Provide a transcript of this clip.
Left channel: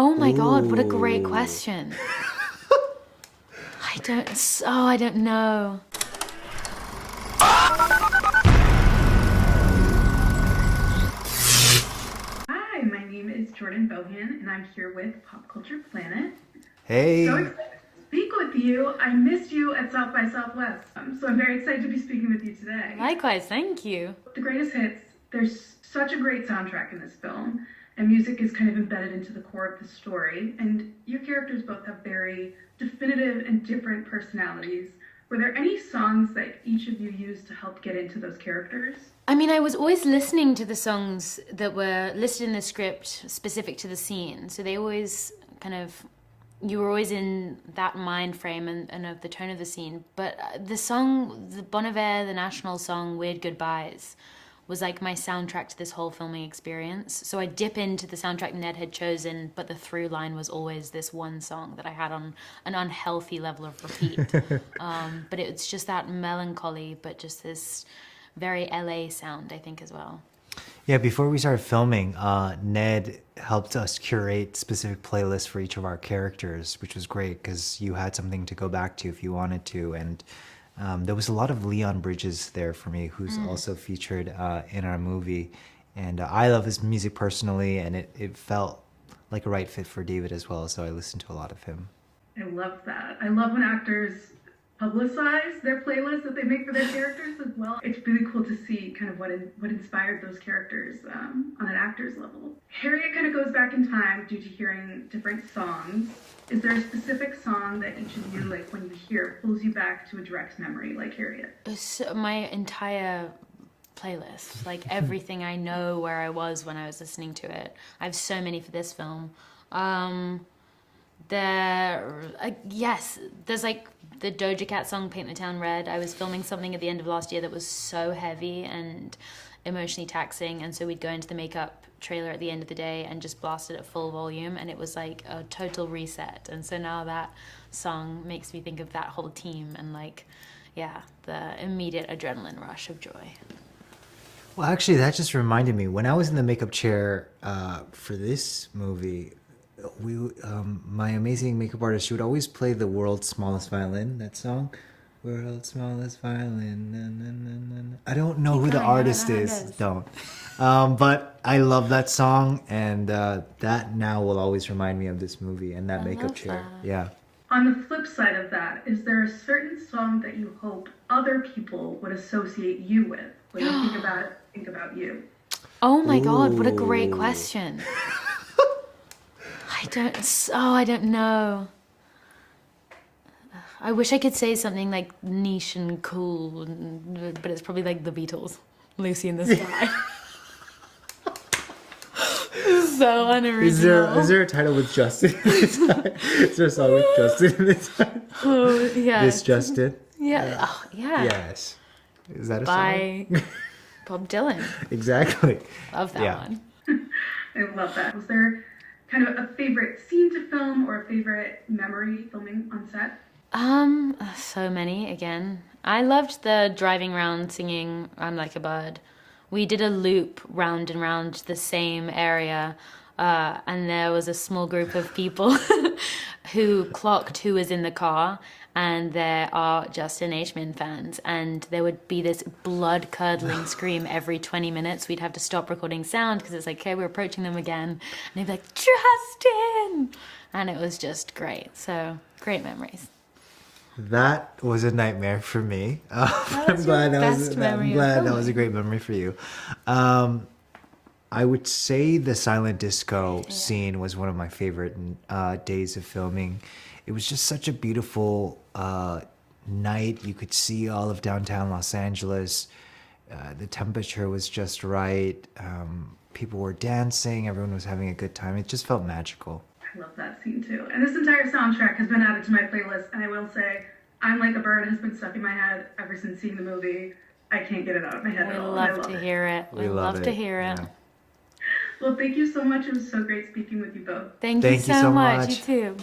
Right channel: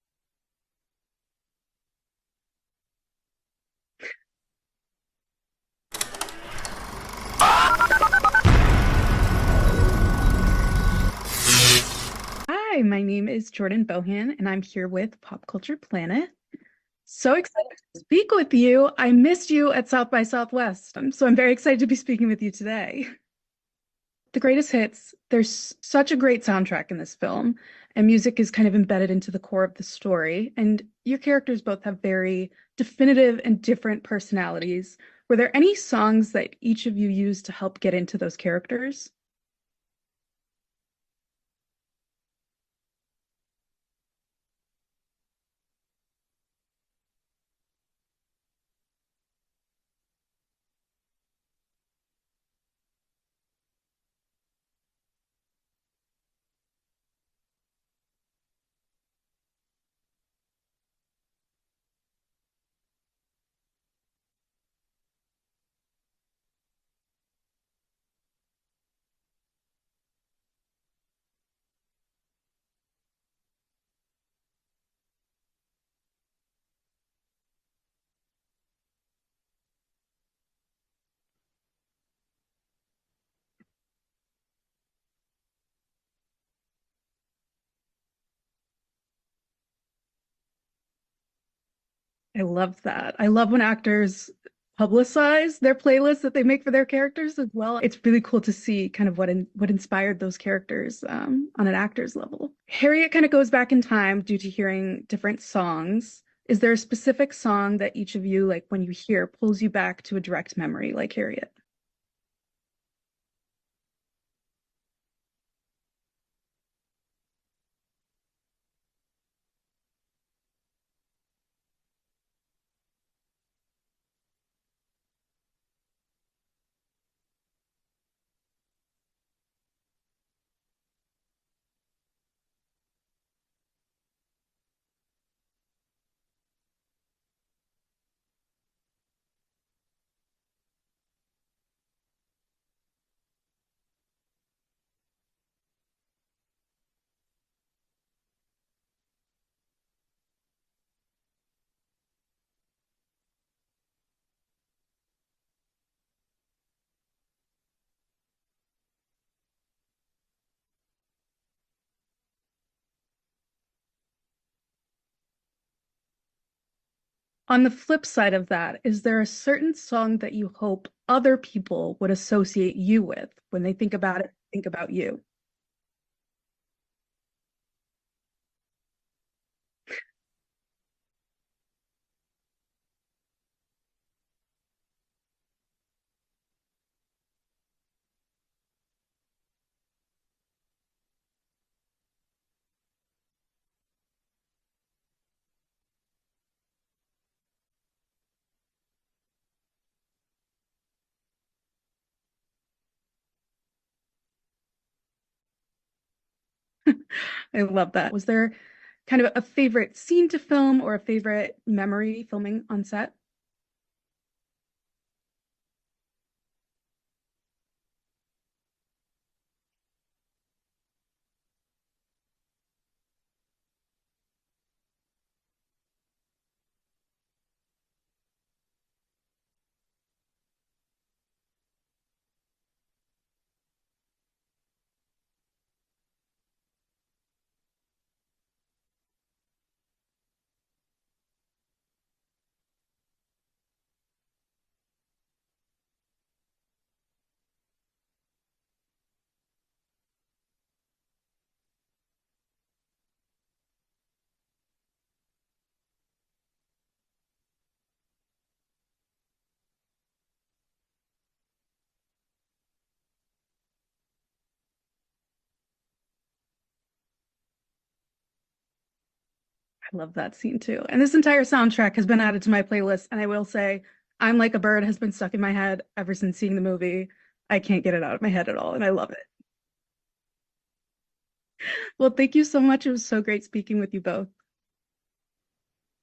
Oh my God, what a great Ooh. question. I don't know. Hi, my name is Jordan Bohan, and I'm here with Pop Culture Planet. So Hey. excited to speak with you. I missed you at South by Southwest, so I'm very excited to be speaking with you today. Likewise, thank you. The greatest hits, there's such a great soundtrack in this film, and music is kind of embedded into the core of the story. And your characters both have very definitive and different personalities. Were there any songs that each of you used to help get into those characters? I mean, I was always listening to the songs that were listed in the script specific to the scene. So they always you were always in that mind frame and of the tone of the scene. But the song, the Bon Iver, the national song, Weird Goodbyes, was like my soundtrack to this whole filming experience. So I dip into the soundtrack Ned had chosen, but the through line was always this one song that I had on an unhealthy level of repeat. But it's just that melancholy, but just this very LA sound, I think, as well. Yeah, before we started filming, Ned helped us curate specific playlists for each of our characters, which was great because you had something to go back to if you wanted to. And there was a lot of Leon Bridges there for me, who's also featured in our movie. And I love his music personally, and it felt like a right fit for David as well. So I listened to a lot of him. I love that. I love when actors publicize their playlists that they make for their characters as well. It's really cool to see kind of what inspired those characters on an actor's level. Harriet kind of goes back in time due to hearing different songs. Is there a specific song that each of you, like when you hear, pulls you back to a direct memory like Harriet? So my entire playlist, like everything I know where I was when I was listening to it. I have so many for this film. There's like the Doja Cat song Paint the Town Red. I was filming something at the end of last year that was so heavy and emotionally taxing, and so we'd go into the makeup trailer at the end of the day and just blast it at full volume, and it was like a total reset. And so now that song makes me think of that whole team and the immediate adrenaline rush of joy. Well, actually, that just reminded me. When I was in the makeup chair for this movie, my amazing makeup artist, she would always play the World's Smallest Violin, that song. World's Smallest Violin. Na, na, na, na. I don't know who the artist is. Don't. But I love that song, and that now will always remind me of this movie and that makeup chair. That. Yeah. On the flip side of that, is there a certain song that you hope other people would associate you with when they think about it, think about you? Oh my God, what a great Ooh. question. I don't know. I wish I could say something like niche and cool, but it's probably like the Beatles, Lucy in the Sky. So unoriginal. Is there a title with Justin in the Is there a song with Justin in the Oh, yeah. This Justin? Yeah. Oh, yeah. Yes. Is that a By song? Bob Dylan. Exactly. Love that Yeah. one. I love that. Was there kind of a favorite scene to film or a favorite memory filming on set? So many again. I loved the driving around singing I'm Like a Bird. We did a loop round and round the same area, and there was a small group of people who clocked who was in the car, and there are Justin H. fans, and there would be this blood-curdling scream every 20 minutes. We'd have to stop recording sound because it's like, okay, we're approaching them again, and they'd be like, Justin! And it was just great. So, great memories. That was a nightmare for me. I'm glad that was a great memory for you. I would say the silent disco scene was one of my favorite days of filming. It was just such a beautiful night. You could see all of downtown Los Angeles. The temperature was just right. People were dancing. Everyone was having a good time. It just felt magical. I love that scene too. And this entire soundtrack has been added to my playlist. And I will say, I'm Like a Bird has been stuck in my head ever since seeing the movie. I can't get it out of my head at all. And I love to it. hear it. We love to hear it. Yeah. Well, thank you so much. It was so great speaking with you both. Thank you so much. You too.